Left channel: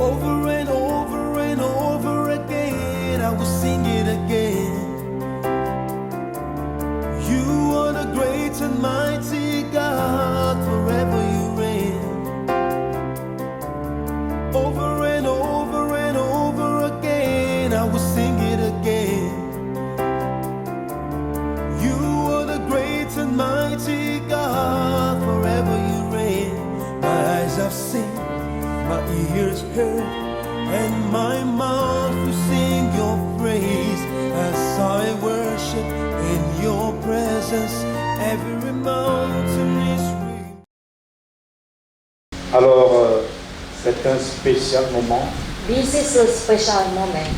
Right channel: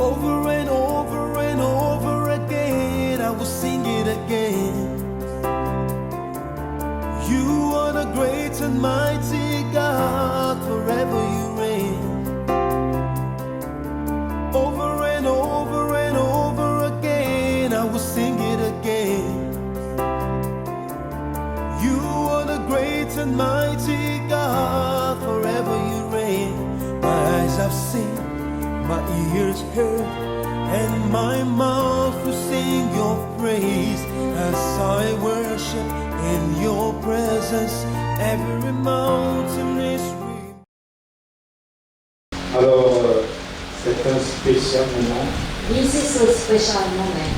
Over and over and over again, I will sing it again. You are the great and mighty God, forever you reign. Over and over and over again, I will sing it again. You are the great and mighty God, forever you reign. My eyes have seen, my ears heard, and my mouth will sing your praise as I worship in your presence. Every mountain is real. Alors, c'est un spécial moment. This is a special moment.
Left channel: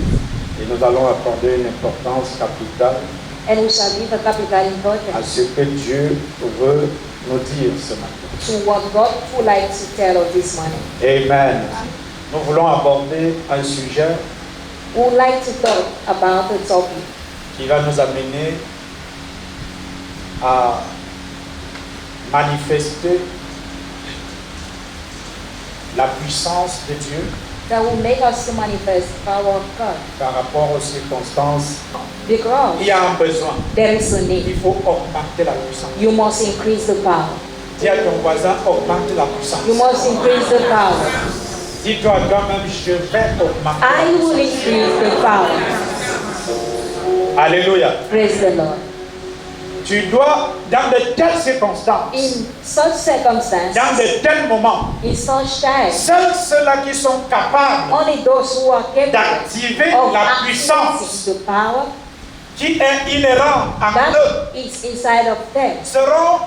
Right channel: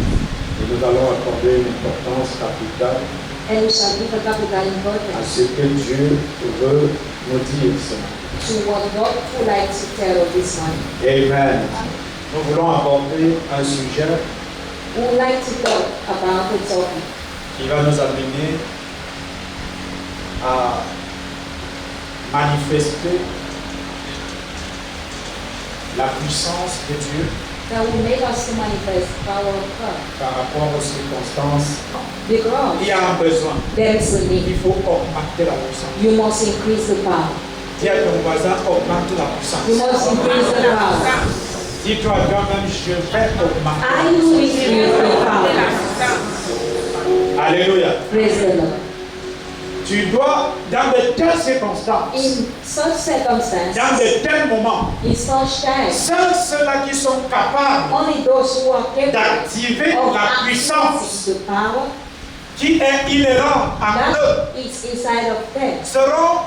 Et nous allons accorder une importance capitale And we shall give a capital à importance ce que Dieu veut nous dire ce matin. to what God would like to tell us this morning. Amen. Nous voulons aborder un sujet We would like to talk about a topic qui va nous amener à manifester la puissance de Dieu that will make us to manifest power of God. par rapport aux circonstances. Because Il y a un besoin. there is a Il need. faut augmenter la puissance. You must increase the power. Dis à ton voisin, augmente la puissance. You must increase the power. Dis-toi toi-même, je vais augmenter. I will increase the power. Alléluia. Praise the Lord. Tu dois, dans de telles circonstances, In such circumstances, dans de tels moments, in such times, seuls ceux-là qui sont capables only those who are capable d'activer of la puissance accessing the power qui est inhérente en eux that is inside of them seront,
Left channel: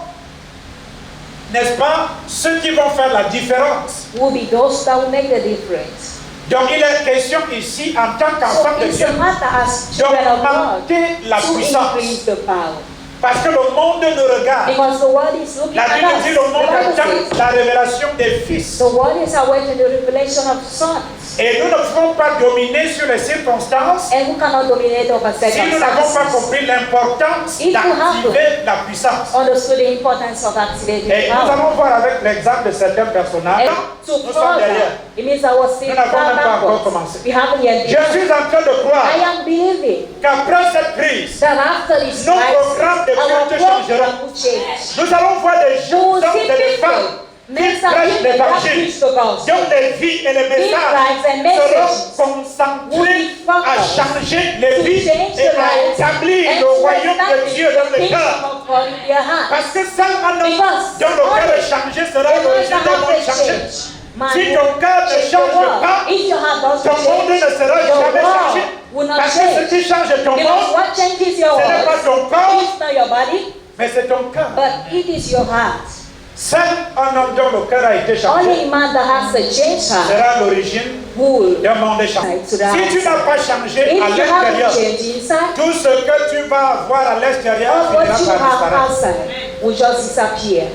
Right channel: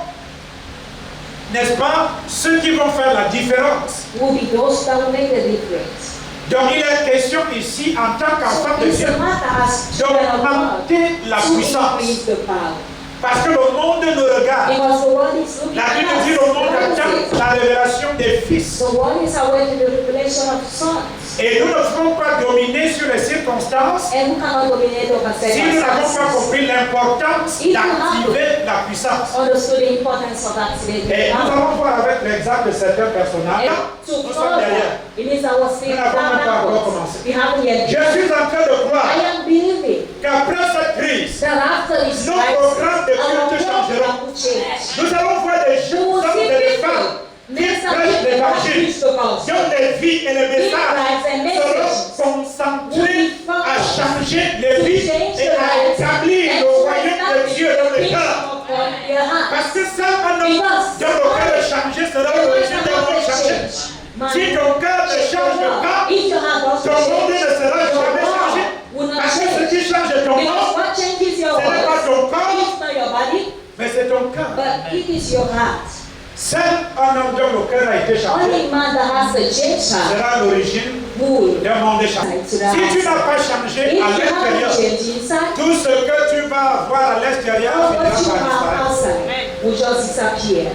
n'est-ce pas, ceux qui vont faire la différence. will be those that will make the difference. Donc il est question ici, en tant So qu'enfant de it's Dieu, a matter as children of God d'augmenter la to puissance. increase the power. Parce que le monde nous regarde. Because the world is looking La at Bible dit us. le monde The Bible attend says, la révélation des fils. the world is awaiting the revelation of sons. Et nous ne pouvons pas dominer sur les circonstances And who cannot dominate over si nous n'avons pas circumstances. compris l'importance If you have d'activer la puissance. Understood the importance of activating Et nous power. allons voir avec l'exemple de certains personnages. And to Nous sommes derrière. further, it means I was still Nous n'avons même pas encore backwards. commencé. We haven't yet. Je suis en train de I croire am believing qu'après cette crise, that after this nos programmes de our culte program changeront. will change. Nous allons voir des We jeunes will hommes see et des people, femmes men qui and prêchent women that l'évangile, preach the gospel. dont les vies et les messages lives and messages seront concentrés à changer les To vies change et the à lives établir and le to royaume de establish Dieu dans the le kingdom cœur. of God in their heart. Parce que seul un homme Because dont le cœur est changé sera l'origine d'un monde changé. Si ton cœur ne change pas, if your heart doesn't ton monde ne change, sera your jamais changé. world will not Parce que ce change. qui change ton Because monde, what changes your ce n'est pas world ton corps, is not your body, mais c'est ton cœur. but it is your heart. Seul un homme dont le cœur a été changé Only man that has a changed heart sera l'origine will. d'un monde changé. Si tu n'as pas changé If à you haven't l'intérieur, changed inside, tout ce que tu vas avoir à l'extérieur all what finira you par have disparaître. outside will just disappear.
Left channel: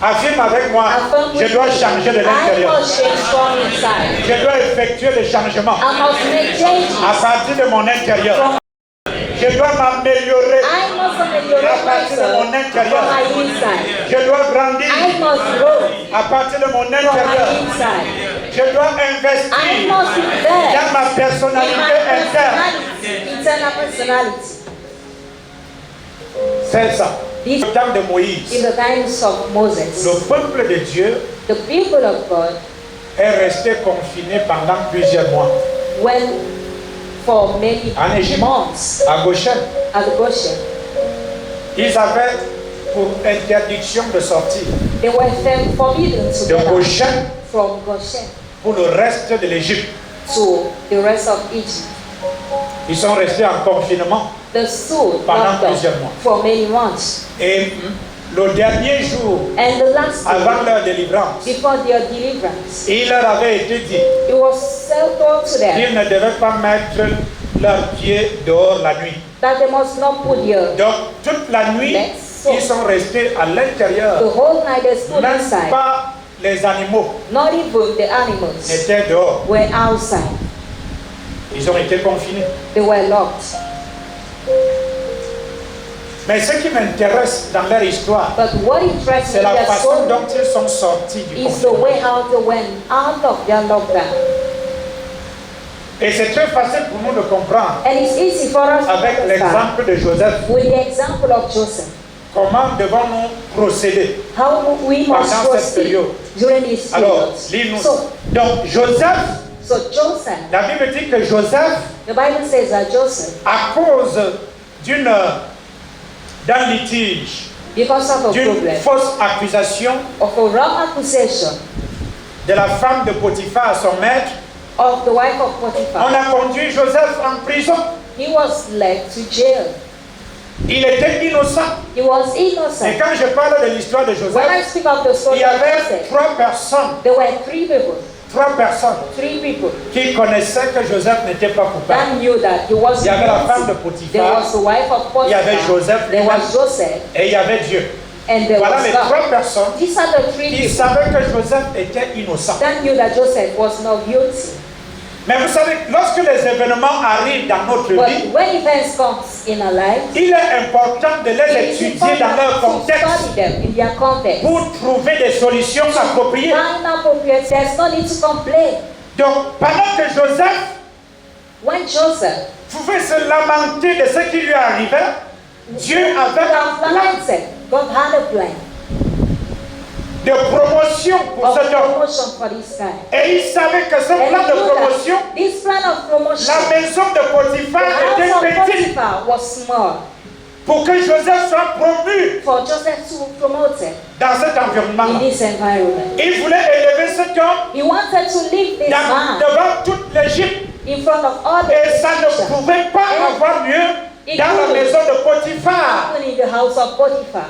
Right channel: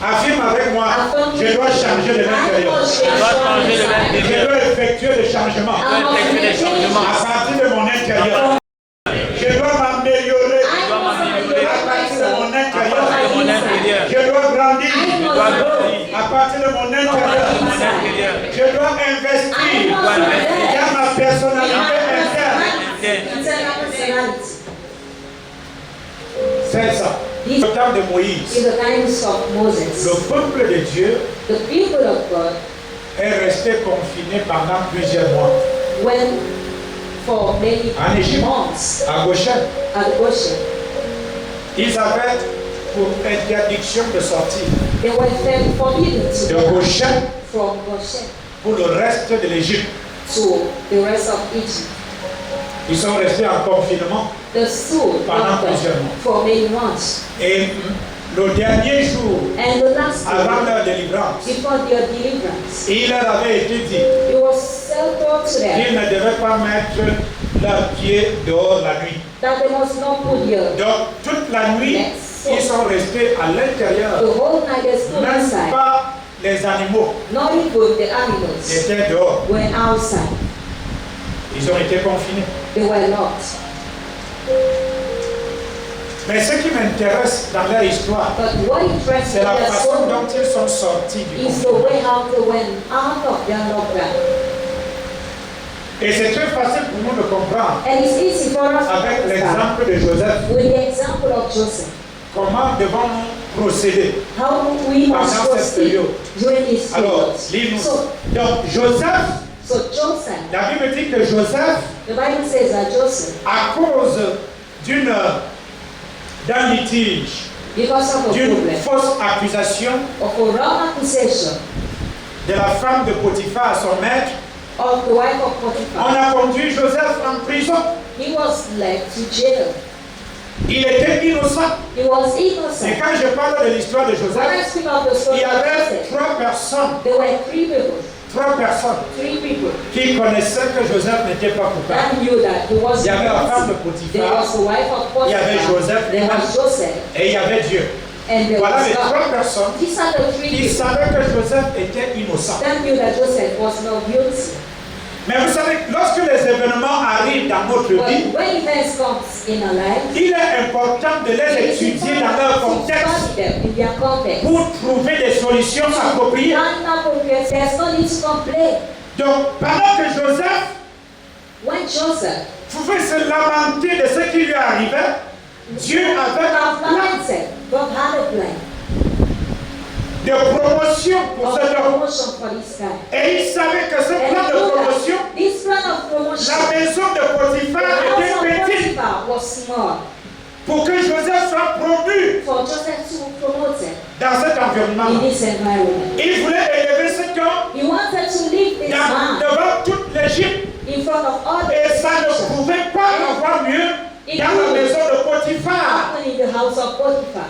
Affirme avec moi, Affirm je dois changer de I l'intérieur. must change from inside. Je dois effectuer des changements I must make changes. à partir de mon intérieur. Je dois m'améliorer I must à ameliorate partir de mon myself intérieur. from my inside. Je dois grandir I must grow à partir de mon from intérieur. my inside. Je dois I investir must invest dans ma in personnalité my interne. personality, internal personality. C'est ça. This Au temps de Moïse, in the times of Moses, le peuple de Dieu the people of God est resté confiné pendant plusieurs mois went for many En Égypte. months à Goshen. at Goshen. Ils avaient pour interdiction de sortir They were forbidden to de go out Goshen from Goshen pour le reste de l'Égypte. to the rest of Egypt. Ils sont restés en confinement. The stood Pendant plusieurs mois. for many months. Et le dernier jour, And the last avant day, leur délivrance, before their deliverance, il leur avait été dit it was told to them qu'ils ne devaient pas mettre leurs pieds dehors la nuit. that they must not put their Donc, toute la nuit, ils sont restés à l'intérieur. the whole night they stood Même inside. pas les animaux Not even the animals étaient dehors. were outside. Ils ont été confinés. They were locked. Mais ce qui m'intéresse dans leur histoire, But what interests me c'est la in their façon story dont ils sont sortis du is the confinement. way how they went out of their lockdown. Et c'est très facile pour nous de comprendre And it's easy for us to avec understand l'exemple de Joseph. with the example of Joseph. Comment devons-nous procéder? How we must Pendant cette proceed période. during this Alors, period. lis-nous. So Donc, Joseph, Joseph, la Bible dit que Joseph, the Bible says that Joseph, à cause d'un litige, because of a d'une problem, fausse accusation of a wrong accusation de la femme de Potiphar à son maître, of the wife of on Potiphar, a conduit Joseph en prison. he was led to jail. Il était innocent. He was Et innocent. quand je parle de l'histoire de When I Joseph, speak of the il story y of avait Joseph, trois personnes there were three people qui connaissaient que Joseph n'était pas coupable. that knew that he was Il y avait la femme de guilty. There Potiphar was the wife of Il y avait Potiphar. Joseph There was Joseph, et il y avait Dieu. and there Voilà was les God. trois personnes These are the three qui people savaient que Joseph était innocent. that knew that Joseph was not guilty. Mais vous savez, lorsque les événements arrivent dans notre But vie, when events come in our life, il est important de les it is étudier dans leur important to contexte study them in their context. pour trouver des solutions appropriées. Inappropriate, there's no need to complain. Donc, pendant que Joseph When Joseph pouvait se lamenter de ce qui lui arrivait, Dieu avait un plan lamented, God had a plan de promotion pour of cet homme. promotion for this guy. Et il savait que ce And plan he de knew promotion, that this plan of promotion, la maison de the Potiphar house of était petite Potiphar was small pour que Joseph soit promu for Joseph to be promoted dans cet environnement. in this environment. Il voulait élever cet homme He wanted to leave this man devant toute l'Égypte in front of all the et ça ne Egyptians. pouvait pas avoir lieu dans la maison de Potiphar. Happen in the house of Potiphar.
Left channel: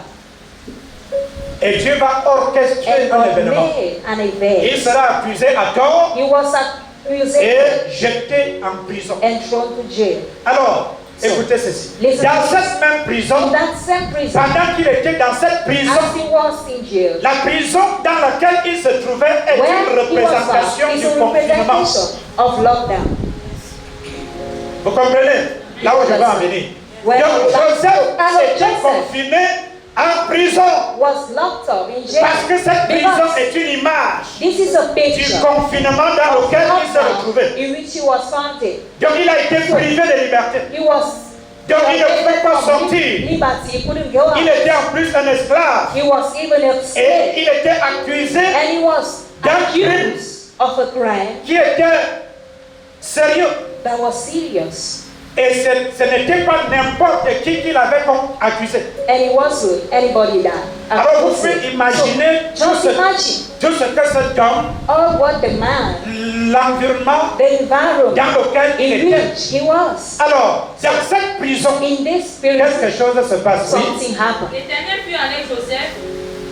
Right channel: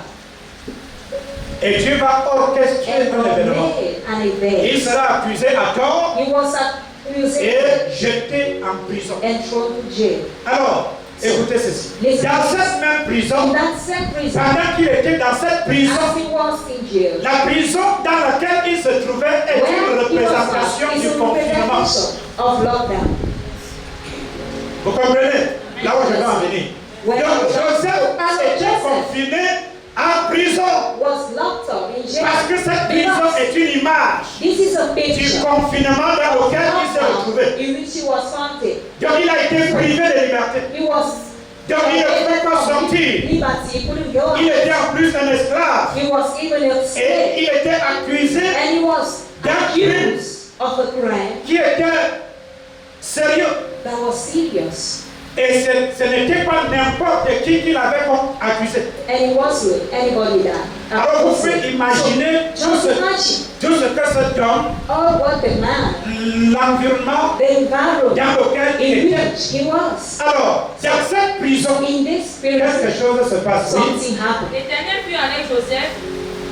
Et Dieu va orchestrer And un God événement. made an event. Il sera accusé à tort He was accused et jeté en prison. and thrown to jail. Alors, écoutez ceci. Listen Dans to cette même In prison, that same prison, pendant qu'il était dans cette prison, as he was in jail, la prison dans laquelle il se trouvait est une where he was représentation at, is du a confinement. representation of lockdown. Vous comprenez? Là où je vais en venir. When Donc Joseph était Joseph confiné en prison was locked up in jail. parce que cette prison Because est une image this is a du picture confinement dans of lequel il se lockdown retrouvait. in which he was founded. Donc il a été privé de liberté. He was Donc il ne pouvait pas sortir. liberty. He couldn't go out. Il était en plus un esclave. He was even a Et slave. il était accusé And he was accused of a crime qui était sérieux. that was serious. Et ce n'était pas n'importe qui qu'il avait comme accusé. And it wasn't anybody that Alors vous accused pouvez him. imaginer So, just imagine tout ce que cet homme, all what the man, l'environnement the environment dans lequel il in était. which he was. Alors, dans cette prison, In this quelque spirit, chose se passe. Oui. something happened. L'Éternel fut avec Joseph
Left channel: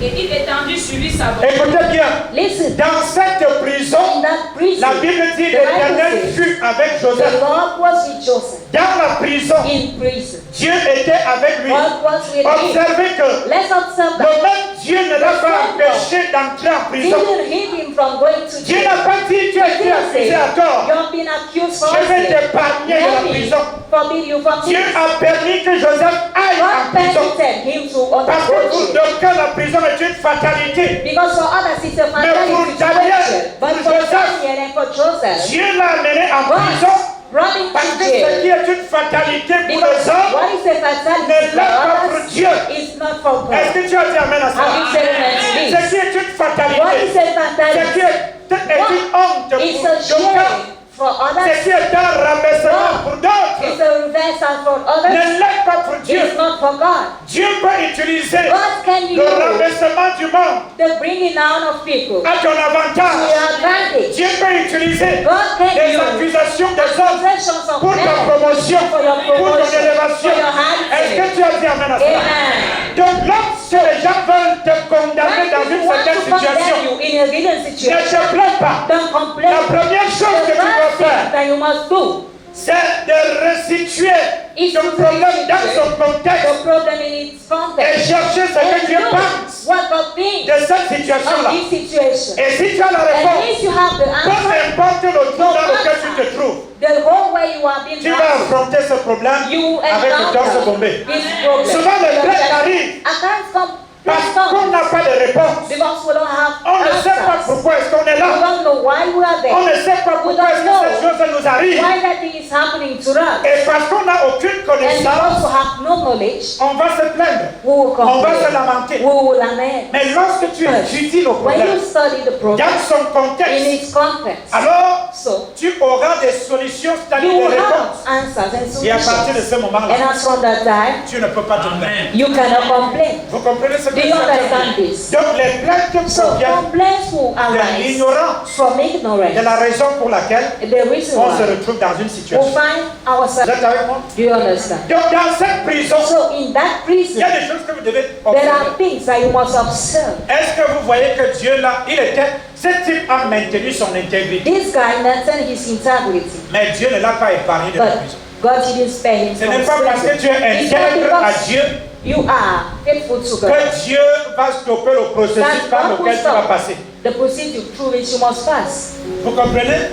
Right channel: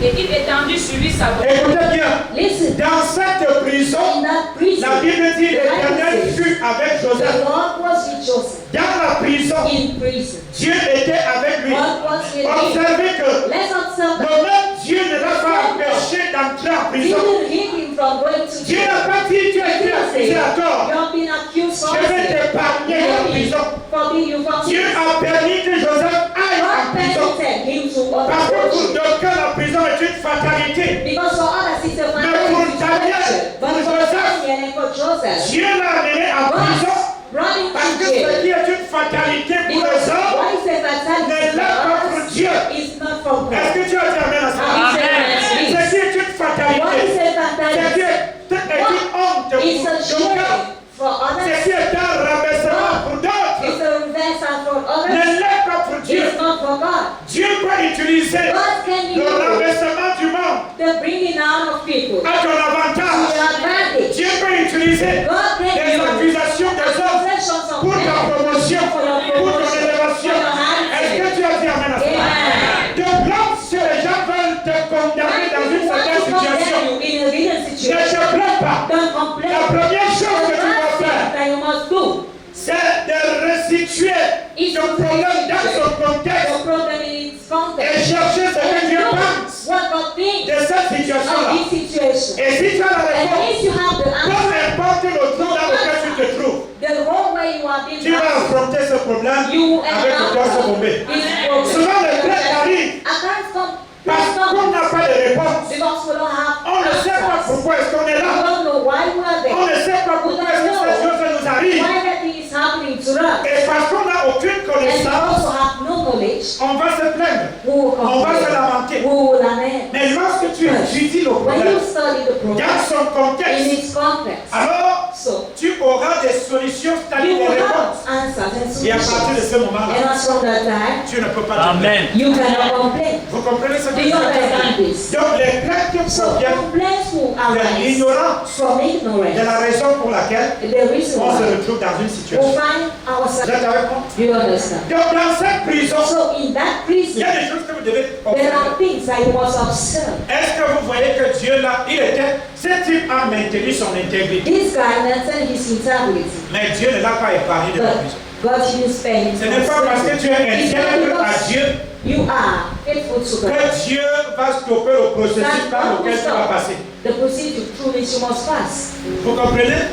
et il étendit sur lui sa bonté. Écoutez bien, Listen, dans cette prison, in that prison, la Bible dit the Bible l'Éternel says, fut avec the Joseph. Lord was with Joseph Dans la prison, in prison. Dieu était avec lui. God was with him. Observez que Let's observe that. le même Dieu ne l'a pas empêché d'entrer en He prison. didn't hinder him from going to Dieu jail. n'a pas dit tu as été accusé à tort. You have been accused Je vais falsely. t'épargner de la Let me prison. forbid you from Dieu this. a permis que Joseph aille en God prison. permitted him to Parce que undergo pour jail. d'aucuns, la prison est une fatalité. Because for others it's a Mais pour fatality Daniel, situation. But pour for Joseph, Daniel and for Joseph, Dieu l'a amené en prison. God brought him Parce to que ce jail. qui est une fatalité pour les Because hommes what is a fatality n'est for là pas pour us Dieu. is not for Est-ce God. que tu as dit amen à ça? Have you said amen to Ce this? qui est une What fatalité, is a ce qui fatality? est une honte pour It's a d'aucuns, shame for ce others. qui est un rabaissement pour d'autres, It's a reversal for others. ne l'est pas pour Dieu. It's not for God. Dieu peut utiliser God can le use rabaissement du monde the bringing down of people à ton to avantage. your advantage. Dieu peut utiliser God can les use accusations des hommes accusations of pour ta men promotion, for your pour ton promotion, élévation. for your Est-ce que advancement. tu as dit amen à ça? Amen. Donc lorsque les gens veulent te condamner dans une Want certaine to condemn situation, you in a given ne situation. te plains pas. Don't complain. La première chose que The tu dois first thing faire, that you must do c'est de restituer is ton to problème dans son the contexte problem in its et context. chercher ce que And Dieu know pense what God thinks de cette of situation-là. this situation. Et si tu as la And réponse, if you have the peu answer, importe le trou dans lequel tu te trouves, the whole way Wherever you are being tu vas affronter ce problème you avec le torse bombé. this problem. Souvent les plaintes arrivent I can't come. parce qu'on n'a pas de réponse. Because we don't have On ne sait pas answers. pourquoi est-ce qu'on est We là. don't know why we are there. On ne sait pas pourquoi est-ce que ces choses nous arrivent. Why that thing is happening to us. Et parce qu'on n'a aucune And we connaissance, also have no knowledge. on va se plaindre. We will On va se complain. lamenter. We will lament. Mais lorsque tu étudies le When problème, you study the problem dans son in contexte, its context, alors so tu auras des solutions, c'est-à-dire you des will réponses. have answers and Et à partir de solutions. ce moment-là, And as from that time, tu ne peux pas te plaindre. you cannot complain. Vous comprenez ce que Do je you veux dire? understand this? Donc les plaintes So proviennent complaints will de arise l'ignorance, from de ignorance. la raison pour laquelle The reason on se why retrouve dans une we situation. find Vous ourselves. êtes avec moi? Do you understand? Donc dans cette prison, So in that il y prison, a des choses que vous devez there observer. are things that you must observe. Est-ce que vous voyez que Dieu là, il était, ce type a maintenu son intégrité. This guy maintained his integrity, Mais Dieu ne l'a pas épargné de la but prison. God didn't spare him Ce from n'est pas parce que prison. tu es It's not intègre à because Dieu you are faithful to God que Dieu va stopper le processus that par God will lequel tu vas stop passer. the procedure through which you must pass. Vous comprenez?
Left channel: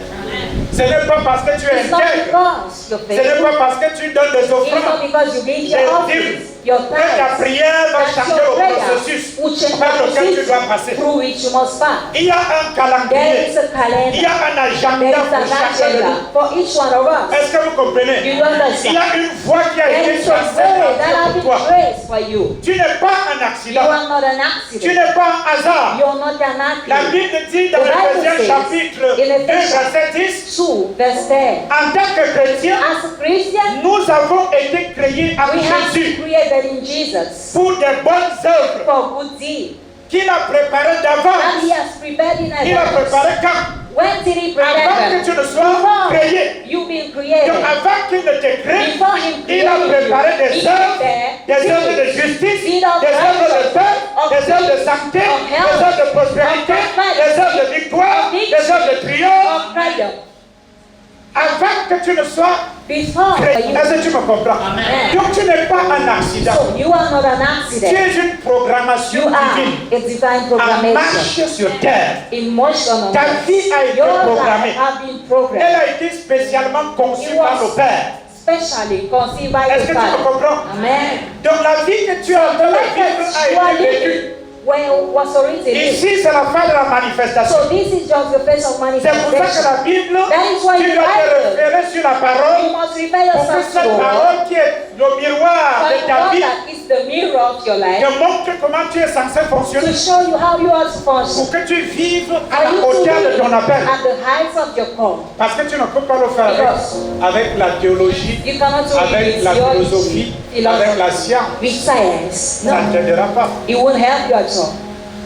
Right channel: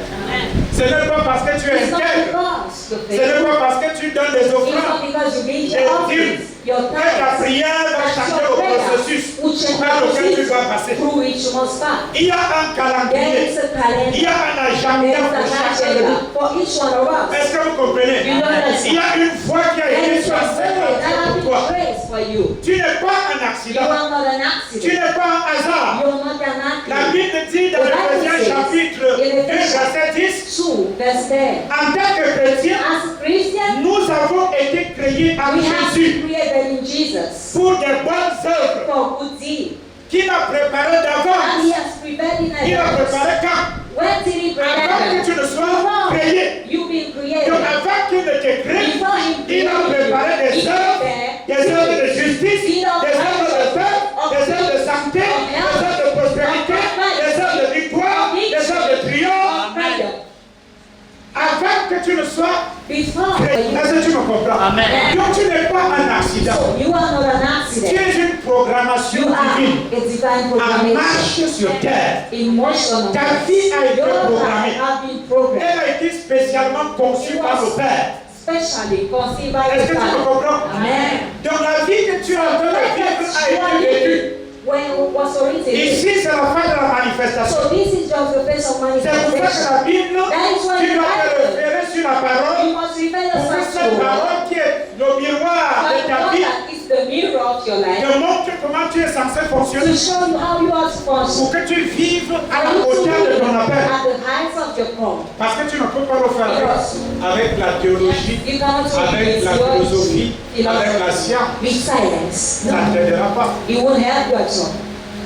Ce n'est pas parce que tu es It's not intègre. because you're Ce n'est faithful. pas parce que tu donnes des It's not offrandes, because you give des your dîmes, offerings, your que ta tithes, prière va that changer your le prayer processus will change par the lequel tu dois procedure passer. through which you must pass. Il y a un There calendrier, is a il y calendar. a un There agenda is pour an chacun de nous. agenda for each one of us. Est-ce que vous comprenez? You don't understand. Il y a une voie qui a There été is a tracée way that has pour been toi. traced for you. Tu n'es pas un You accident. are not an Tu accident. n'es pas un hasard. You're not an La accident. Bible dit dans The Bible Éphésiens says chapitre in 2 Ephesians verset 10, 2, verse 10. en tant que chrétiens, As a Christian, nous avons été créés avec we have Jésus been created in Jesus pour des bonnes œuvres for good deeds. qu'il a préparées And d'avance. He has prepared in Il a advance. préparé quand? When did He prepare Avant que them? tu ne sois Before créé. you've been Donc created. avant qu'il ne te crée, Before He il a préparé created des you, He œuvres, des œuvres de prepared justice, des Seed of œuvres de paix, righteousness, des œuvres de of santé, peace, of des health, œuvres de prospérité, of prosperity, des œuvres de victoire, of des œuvres de triomphe. of freedom. Avant que tu ne sois Before créé. you. Est-ce que tu me comprends? Amen. Donc tu n'es pas un accident. So you are not an Tu accident. es une programmation You are divine a divine en programmation. marche sur terre. Emotional. Ta vie a été Your life programmée. have been Elle programmed. a été spécialement conçue par le Père. Specially conceived by Est-ce the que tu me Father. comprends? Amen. Donc la vie que tu es en train de Life vivre that a you are été vécue. living when it was originated. Ici, c'est la fin de la manifestation. So this is just the face of C'est pour ça que manifestation. la Bible, That is why tu the dois te Bible, référer sur la you parole must refer pour que yourself cette to parole qui est le miroir de the ta God vie that is the mirror of your life te montre comment tu es censé fonctionner to show you how you are to pour function. que tu vives à For la you to hauteur de be ton appel. at the heights of your call. Parce que tu ne peux pas le faire Because avec la théologie, you cannot do it avec with la philosophie, theology, avec la philosophy, science. with science. Ça ne No, t'aidera pas. it won't help you at all.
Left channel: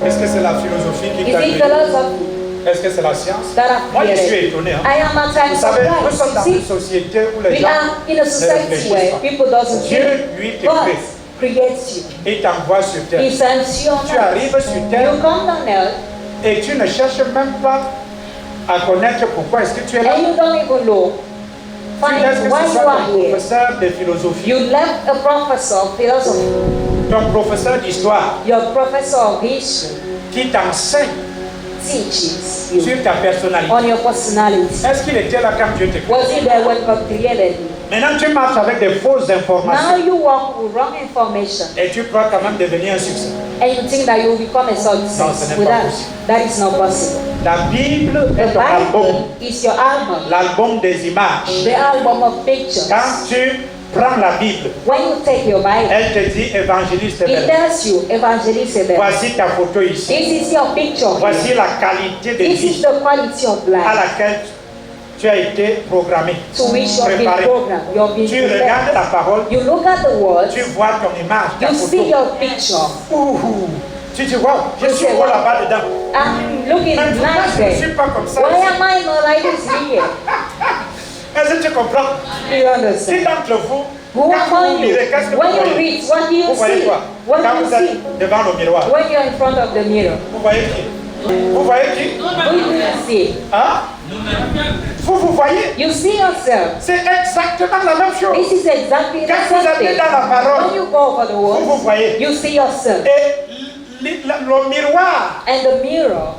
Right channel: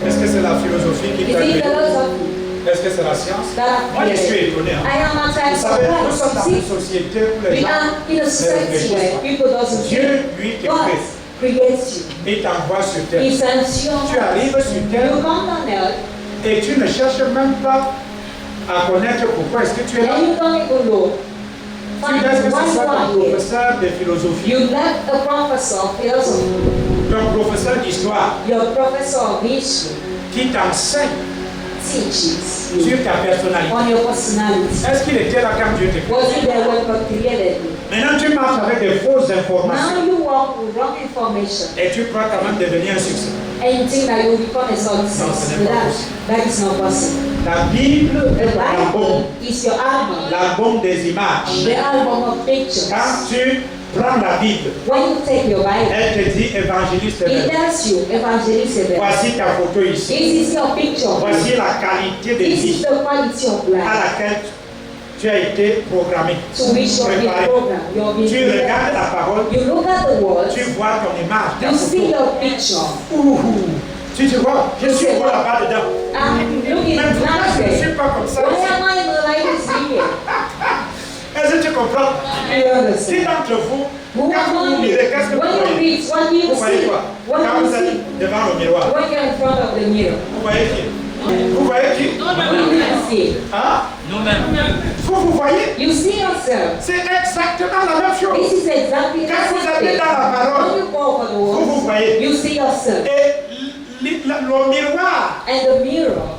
Est-ce que c'est la philosophie qui Is t'a it aidé? philosophy Est-ce que c'est la science? that have Moi, je suis created? étonné. Hein. I am at times Vous savez, nous sommes dans une surprised. société où les We gens are in a society réfléchissent where pas. people doesn't Dieu, think. lui, te God crée creates you. et t'envoie sur He terre. sends you on Tu arrives earth. sur terre You come on earth et tu ne cherches même pas à connaître pourquoi est-ce que tu es là. and you don't even know. Tu laisses que Find why ce you soit are ton here. professeur de philosophie, You left a professor of philosophy, ton professeur d'histoire your professor of history qui t'enseigne teaches you sur ta personnalité. on your personality. Est-ce qu'il était là quand Dieu te crée? Was he there when God created you? Maintenant, tu marches avec des fausses Now informations you walk with wrong information et tu crois quand même devenir un succès. and you think that you will become a Non, ce success n'est with pas that. possible. That is not possible. La Bible The est ton album, Bible is your album, l'album des images. the album of pictures. Quand tu prends la Bible, When you take your Bible, elle te dit évangéliste it belle. tells you, Evangelist Abel, Voici ta photo ici. this is your picture. Voici la qualité de This is vie the quality of à life laquelle tu as été programmé. to which you have been Préparé. programmed. You have been Tu regardes prepared. la parole, You look at the word, tu vois ton image, ta you see photo. your picture. Ouh, tu te vois, je suis beau là-bas dedans. I'm looking Mais pourquoi nice je ne there. suis pas comme ça Why ici? am I not like this here? Est-ce que tu comprends? Do you understand? Qui d'entre vous, Who quand vous among you, lirez, qu'est-ce que vous when you voyez? read, what do you Vous voyez see? quoi? What Quand do you vous see? êtes devant le miroir, When you're in front of the mirror, vous voyez qui? Vous voyez qui? who do you see? Hein? Vous voyez? You see yourself. C'est exactement la même chose. This is exactly the Quand vous same allez thing. dans la parole, When you go over the vous word, voyez. you see yourself. Et le miroir And the mirror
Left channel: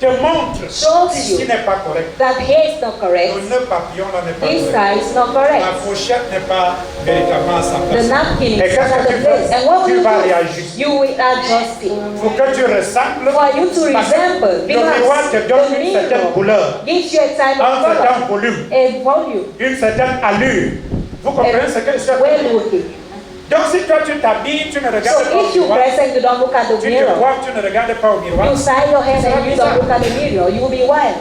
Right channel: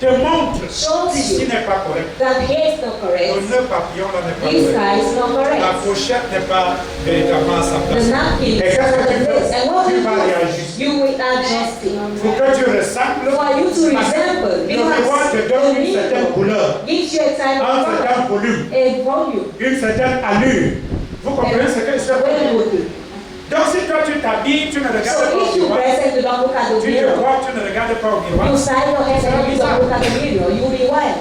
te te montre shows qu'ici you n'est pas correct. that here is not correct, Le nœud papillon là n'est pas this correct. side is not La correct, pochette n'est pas véritablement à sa the place. napkin Et is qu'est-ce not que at tu the place. fais? And what Tu will vas you réajuster. do? You will adjust it. Pour que tu ressembles, For you to parce que resemble, le miroir te because donne the une certaine mirror couleur, gives you a type un of color, certain volume, a volume, une certaine allure. Vous comprenez ce que je and veux where dire? would it? Donc si toi tu t'habilles, tu ne regardes So pas au if you miroir, dress and you don't look at the tu te mirror, vois, tu ne regardes pas au miroir. you side your head and you don't look at the mirror, you will be wild.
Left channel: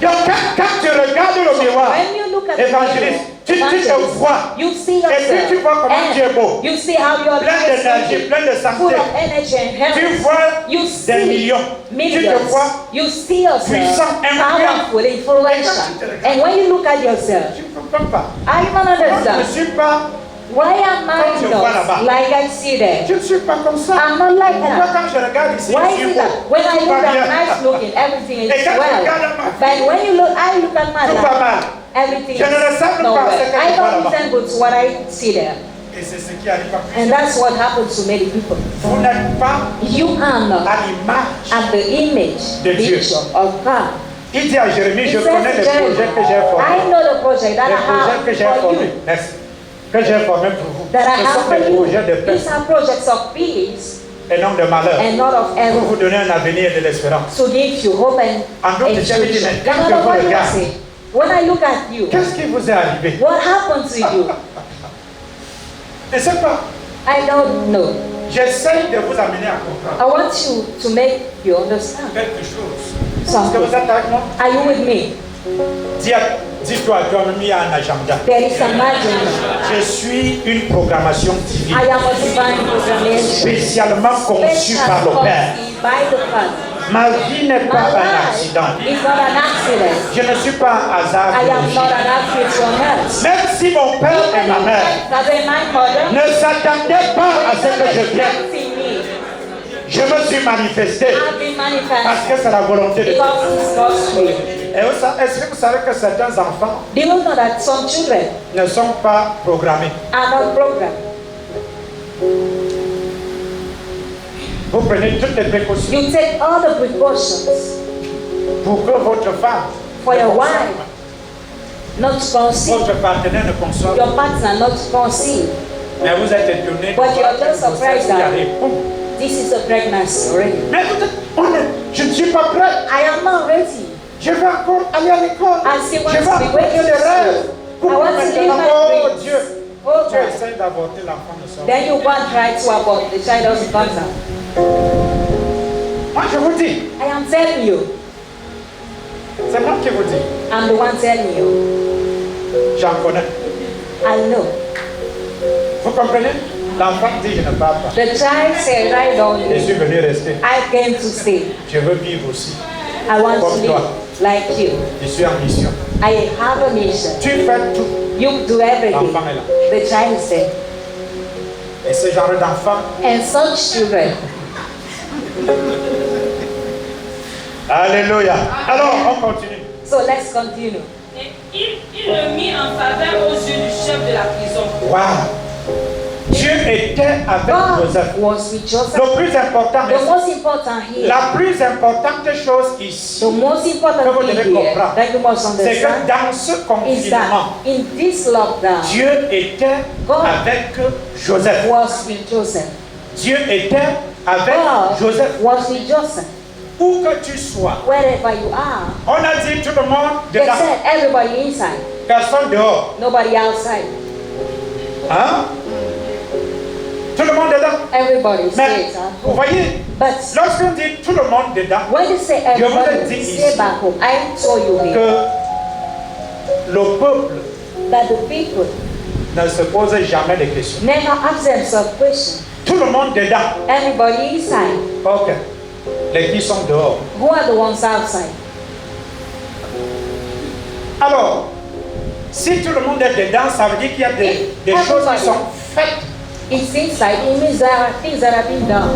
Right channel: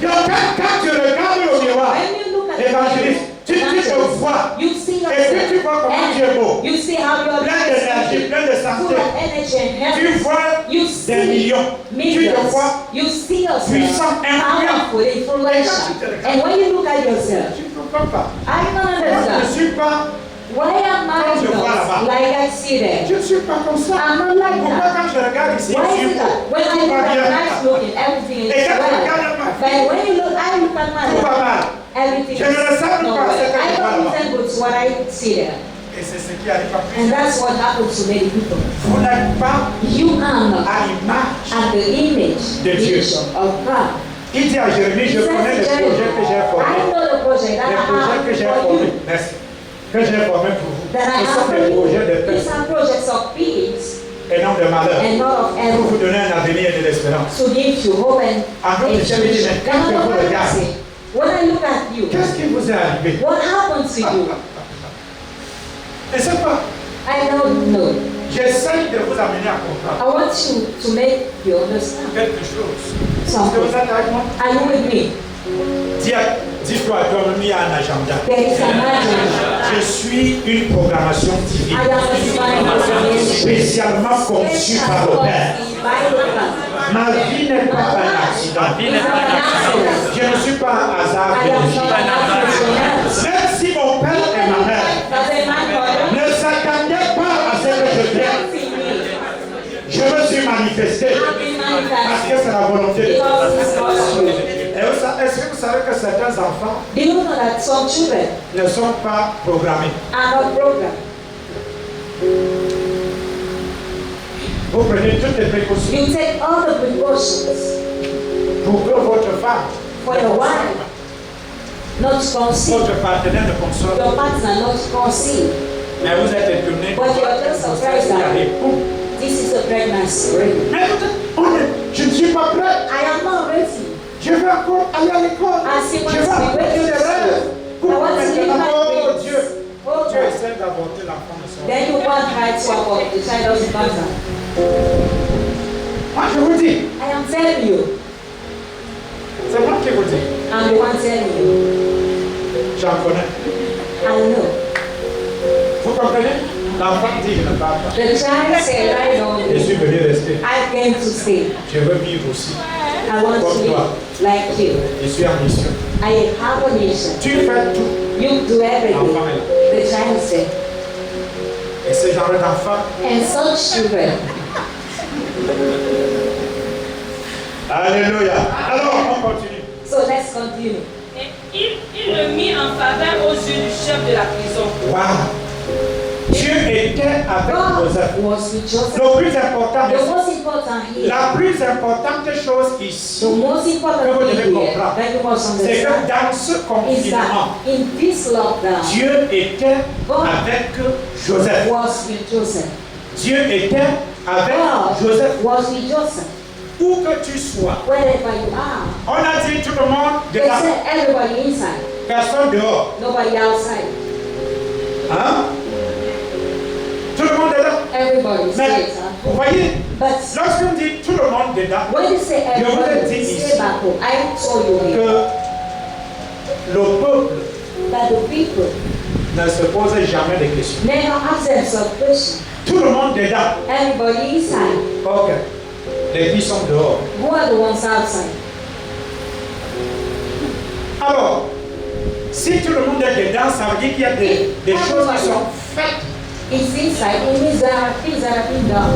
Donc quand tu regardes le miroir, When you look at the évangéliste, tu te vois. you see Et puis tu vois yourself, comment tu es beau. and you see how you are Plein d'énergie, plein de full santé. of energy and Tu health. vois You des see millions. Tu te millions. vois. You see yourself puissant, powerful, influential. And when you look at yourself, Je ne comprends pas. I don't Moi, je ne understand. suis pas, Why am Comme je I vois là-bas. not like I see there? je ne suis pas comme ça. I'm not like Pourquoi that. quand je regarde ici, Why je is suis it beau? that when I Tout look va at bien. nice looking, everything is Et quand je well. regarde ma But vie, when you look, I look at my tout va life, mal. everything Je ne is ressemble not pas à ce well. que I je vois don't là-bas. resemble to what I see there. Et c'est ce qui arrive à And plusieurs. that's what happens to many people. Vous n'êtes pas You are not à l'image. at the image, De Dieu. picture of God. Il dit à Jérémie, je He says connais les to Jeremy, projets que j'ai formés. I know the project that Les I projets que j'ai have for formés. you, Merci. Que j'ai formés pour vous. that I Ce have sont for des you. projets de paix These are projects of peace et non de malheur. and not of Pour vous evil, donner un avenir et de l'espérance. to give you hope and En d'autres termes, il dit, mais quand And je vous what do I regarde, say? When I look at you, qu'est-ce qui vous est arrivé? what happened to you? Je ne sais pas. I don't know. J'essaye de vous amener à comprendre I want you to make you understand quelque chose. Est-ce que vous something. êtes avec moi? Are you with me? Dis-toi à toi-même, il y a un agenda. There is an agenda. Je suis une programmation divine, I am a divine programmation. spécialement conçue par le Père. By the Father. Ma vie n'est pas My un life accident. is not an accident. Je ne suis pas un hasard I am not biologique. an accident from earth. Même si mon père et ma mère Doesn't my mother ne s'attendaient pas à ce que je vienne, see me? je me suis manifesté I've been parce que manifested c'est la volonté de Dieu. because it's God's will. Et est-ce que vous savez que certains enfants Do you know that some children ne sont pas programmés? are not programmed? Vous prenez toutes les précautions You take all the precautions pour que votre femme, for ne your conçoive wife pas, not to conceive, votre partenaire ne conçoive pas. your partner not to conceive. Mais vous êtes étonné de But voir you're que just vous surprised êtes that- arrivé. Boum. This is a pregnancy already. Mais vous êtes honnête, je ne suis pas prêt. I am not ready. Je vais encore aller à l'école. I still want Je vais to be encore waiting faire des to rêves. school. I Pourquoi want to live maintenant? my Oh dreams. Dieu. Oh Tu God. essaies d'avorter l'enfant de son. Then you want try to abort the child doesn't come out. Moi je vous dis, I am telling you. c'est moi qui vous dis. I'm the one telling you. J'en connais. I know. Vous comprenez? L'enfant dit, je ne parle pas. The child said, I don't Je suis know. venu rester. I came to stay. Je veux vivre aussi. I want to Comme toi. live like you. Je suis en mission. I have a mission. Tu fais tout. You do everything. L'enfant est là. The child said. Et ce genre d'enfant, And such children. alléluia. Alors, on continue. So let's continue. Et il le mit en faveur aux yeux du chef de la prison. Waouh. Dieu était avec God Joseph. was with Joseph. Le plus important, The most important here, la plus importante chose ici, the most important que vous thing devez here comprendre, that you must c'est que understand dans ce is confinement, that in this lockdown, Dieu était God avec Joseph. was with Joseph. Dieu était avec God Joseph. was with Joseph. Où que tu sois, Wherever you are, on a dit tout le monde they dedans, said everybody inside, personne dehors. nobody outside. Hein? Tout le monde est là. Everybody Mais stays at vous home. voyez, But lorsqu'on dit tout le monde dedans, when you say Je vous ai everybody, dit stay ici back home. I told you here que le peuple that the people ne se pose jamais de questions. never ask themselves questions. Tout le monde dedans. Everybody inside. Ok. Les qui sont dehors. Who are the ones outside? Alors, si tout le monde est dedans, ça veut dire qu'il y a des choses qui sont faites. It's inside. It means there are things that have been done.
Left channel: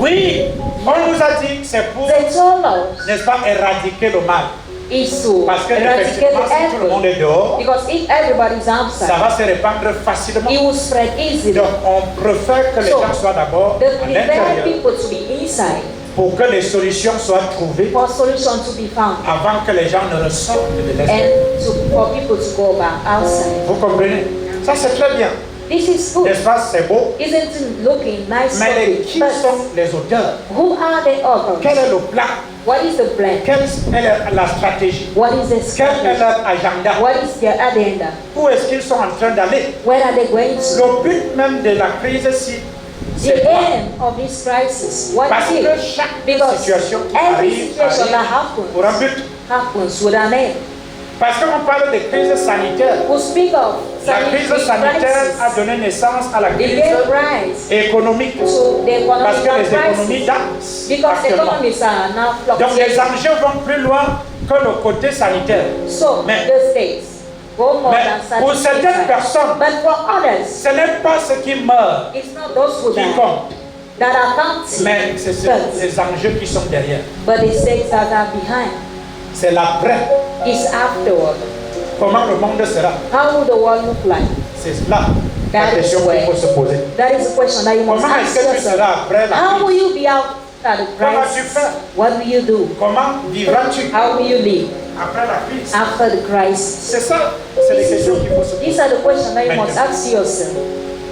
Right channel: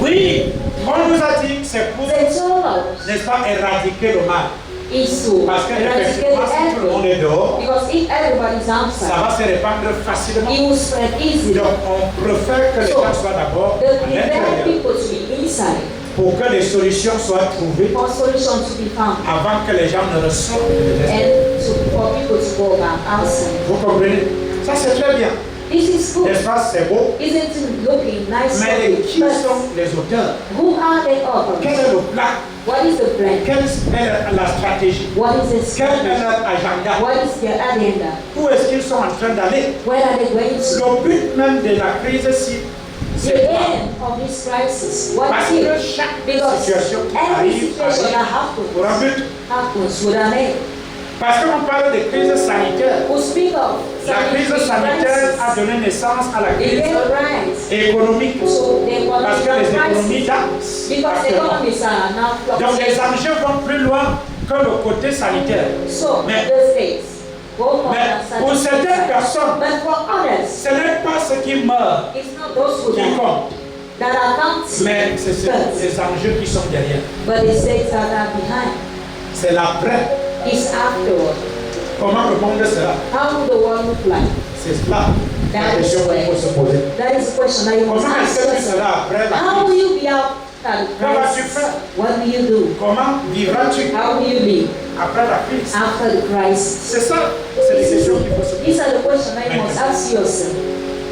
Oui, on nous a dit que c'est pour, They told us n'est-ce pas, éradiquer le mal. is to Parce que eradicate effectivement, si tout le monde the est dehors, because if everybody's ça outside, va se répandre facilement. it will spread easily. Donc, on préfère que les So, gens soient d'abord The à prepare l'intérieur people to be inside pour que les solutions soient trouvées for solution to be found avant que les gens ne ressortent de l'espace. and for people to go back outside. Vous comprenez? Ça c'est très bien. This is good. L'espace c'est beau. Isn't it looking nice? Mais qui But sont les auteurs? who are the Quel authors? est le plan? What is the plan? Quelle est la stratégie? What is the Quel est strategy? leur agenda? What is their agenda? Où est-ce qu'ils sont en train d'aller? Where are they going to? Le but même de la crise, The c'est quoi? end of this crisis. What Parce is que it? chaque Because situation qui every arrive situation that pour un but. happens with an end. Parce qu'on parle de crise sanitaire. We speak of La crise sanitaire a crisis. donné naissance à la It crise gave rise économique. to the Parce que les economic économies crisis. dansent Because actuellement. economies are now Donc les fluctuating. enjeux vont plus loin que le côté sanitaire. So Mais- the states go more Mais than pour certaines satisfied. personnes, But for others, ce n'est pas ceux qui meurent it's not those who qui die comptent, that are counting, mais c'est les enjeux qui sont derrière. but the states that are behind. C'est l'après. It's afterward. Comment le monde sera? How will the world look like? C'est là la That is question qu'il where- faut se poser. That is a question that you must Comment ask est-ce que tu yourself. seras après la How will crise? you be out at the Comment vas-tu crisis? faire? What will you do? Comment vivras-tu How will you live après la crise? after the crisis? C'est ça, c'est les questions qu'il faut se poser. These are the questions that you must ask yourself.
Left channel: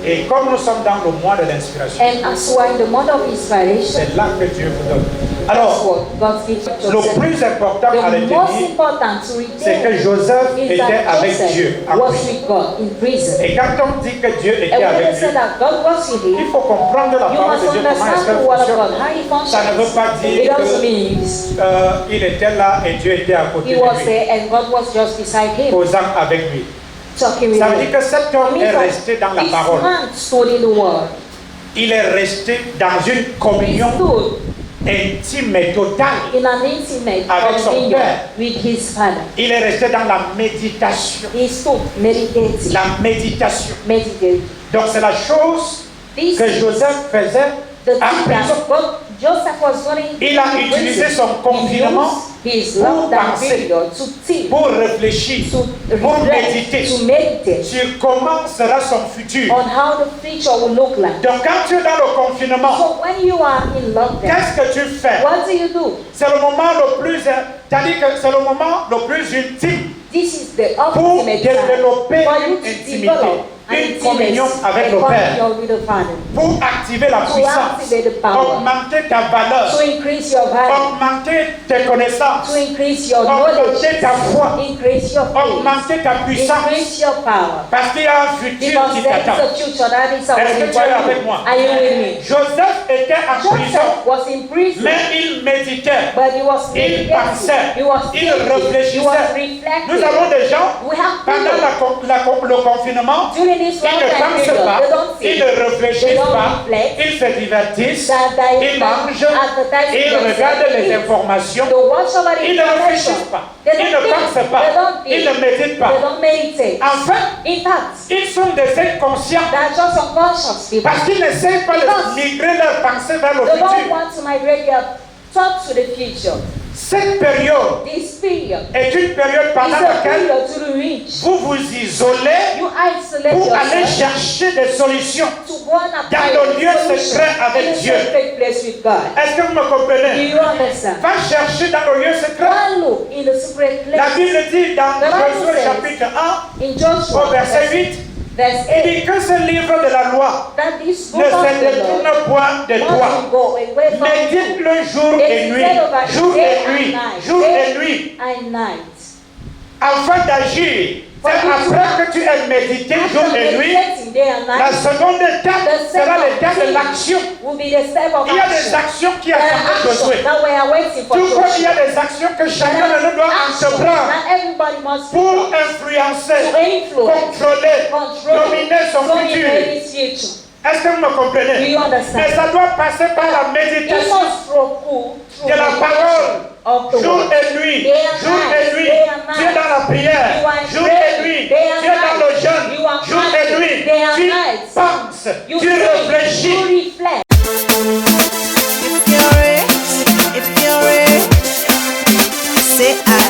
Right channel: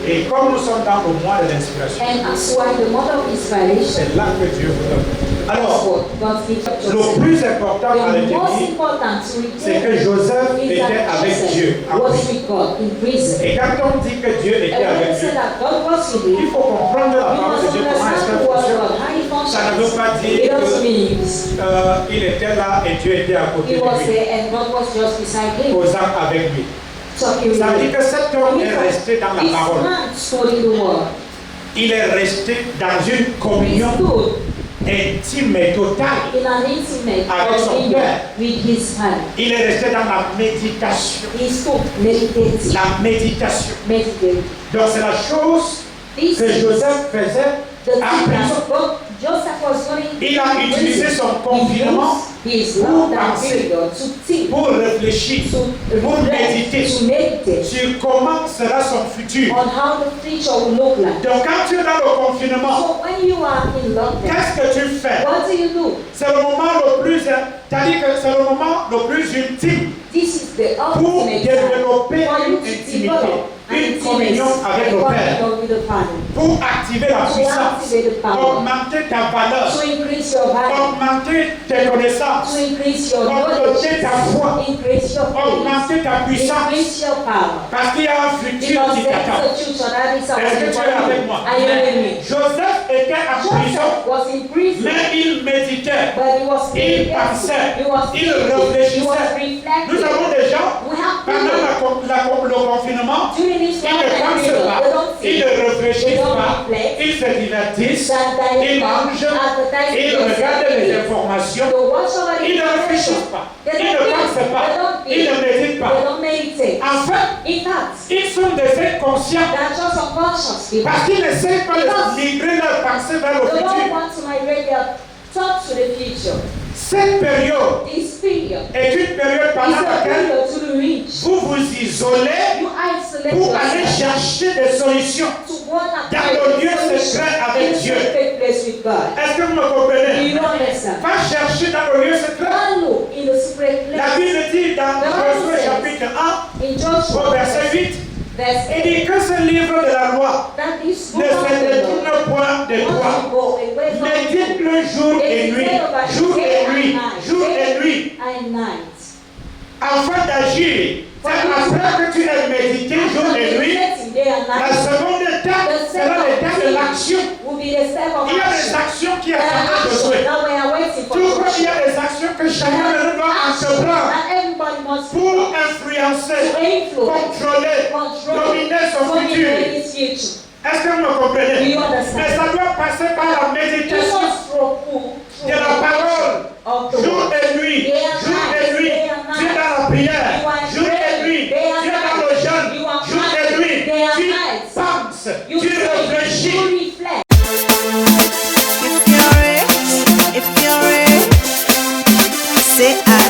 Et comme nous sommes dans le mois de l'inspiration, And as we are in the month of inspiration, c'est là que Dieu vous donne. that's Alors, what God gives us. le plus important à The most retenir, important to c'est que retain Joseph is était that avec Dieu Joseph en was prison. with God in prison. Et quand on dit que Dieu était And when avec they say lui, that God was with il him, faut comprendre la you parole must de Dieu, comment est-ce understand qu'elle the word of fonctionne. God, how he Ça ne veut pas functions. dire It doesn't que mean il était là et Dieu était à côté he de was lui, there and God was just beside him, posant avec lui. talking with Ça veut him. dire que cet homme est resté dans la This parole. man stood in the word. Il est resté dans une He communion stood intime et totale. in an intimate Avec son communion Père. with his father. Il est resté dans la méditation. He stood meditating. La méditation. Meditating. Donc c'est la chose This que is Joseph faisait the en thing prison. that God, Joseph was doing. Il a utilisé son confinement He used his pour lockdown penser, period to think, pour réfléchir, to pour reflect, méditer to meditate sur comment sera son futur. on how the future will look like. Donc quand tu es dans le confinement, So when you are in lockdown, qu'est-ce que tu fais? what do you do? C'est le moment le plus, c'est-à-dire que c'est le moment le plus ultime This is the pour ultimate time développer for you une to intimité, develop an une communion intimacy, avec a le Père, communion with the Father, pour activer la to puissance, activate the power, augmenter ta valeur, to increase your value, augmenter tes connaissances, to increase your augmenter knowledge, ta foi, increase your faith, augmenter ta puissance, increase your power. parce qu'il y a un futur Because qui there t'attend. is a future that is Est-ce que awaiting tu for es avec you. moi? Are you with me? Joseph était en prison, Joseph was in prison, mais il méditait, but he was il meditating. pensait, He was il thinking. He was réfléchissait. reflecting. Nous avons des gens, We have pendant people le confinement, during this ils ne lockdown pensent period, pas, they don't ils think, ne they réfléchissent don't pas, reflect, ils se divertissent, they ils mangent, ils regardent les informations, They watch over the ils ne information. réfléchissent pas, They ils don't ne think, pensent pas, they don't ils ne think, méditent pas. they don't meditate. Enfin, In fact, ils sont des inconscients they are just unconscious people. parce qu'ils n'essayent pas de migrer leur pensée vers le They don't futur. want to migrate their thoughts to the future. Cette période This period est une période is pendant a laquelle period to reach. vous vous isolez You isolate pour aller yourself chercher des solutions. to go and apply Dans le lieu the secret solution avec in a Dieu. secret place with God. Est-ce que vous me Do comprenez? you understand? Va chercher dans le lieu secret. One look in the secret La place. Bible dit dans The Bible Josué says, chapitre 1, In Joshua, au verset 8, verse il 8, dit que ce livre de la loi that this ne book of se the law détourne point de toi. must go away from you Médite-le jour et nuit, jour et nuit, jour et nuit, and night. afin d'agir. C'est après que tu aies médité jour et nuit, Meditating day and la night seconde étape sera l'étape de l'action. will be the step of Il y a des action. actions qui There are attendent actions Josué. that we are waiting for. Tout comme il y a Joshua. des actions que chacun de nous doit entreprendre That everybody must pour do influencer, to influence, contrôler, control, dominer son futur. dominate his future. Est-ce que vous me Do comprenez? you understand? Mais ça doit passer par la You méditation must through de la parole, of the jour word. et nuit, Day and jour night, et nuit. day and night. Tu es dans la prière, You are jour et praying, nuit. day and Tu es dans le night. jeûne, You are jour et fasting, nuit. day and Tu night. penses, You tu think, réfléchis. you reflect. If you're rich, say I.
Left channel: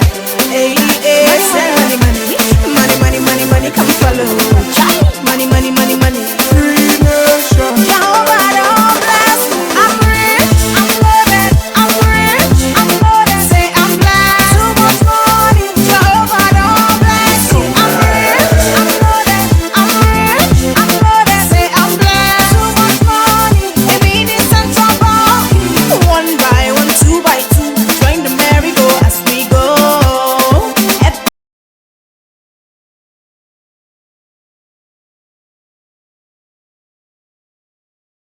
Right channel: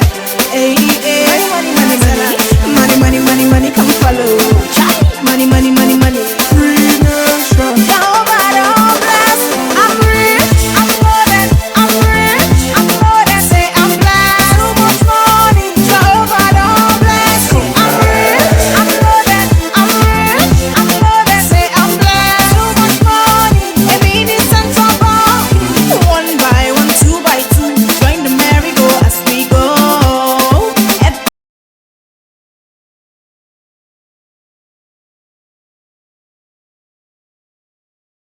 Hey, hey, money, money, money, money, money, money, money, come follow.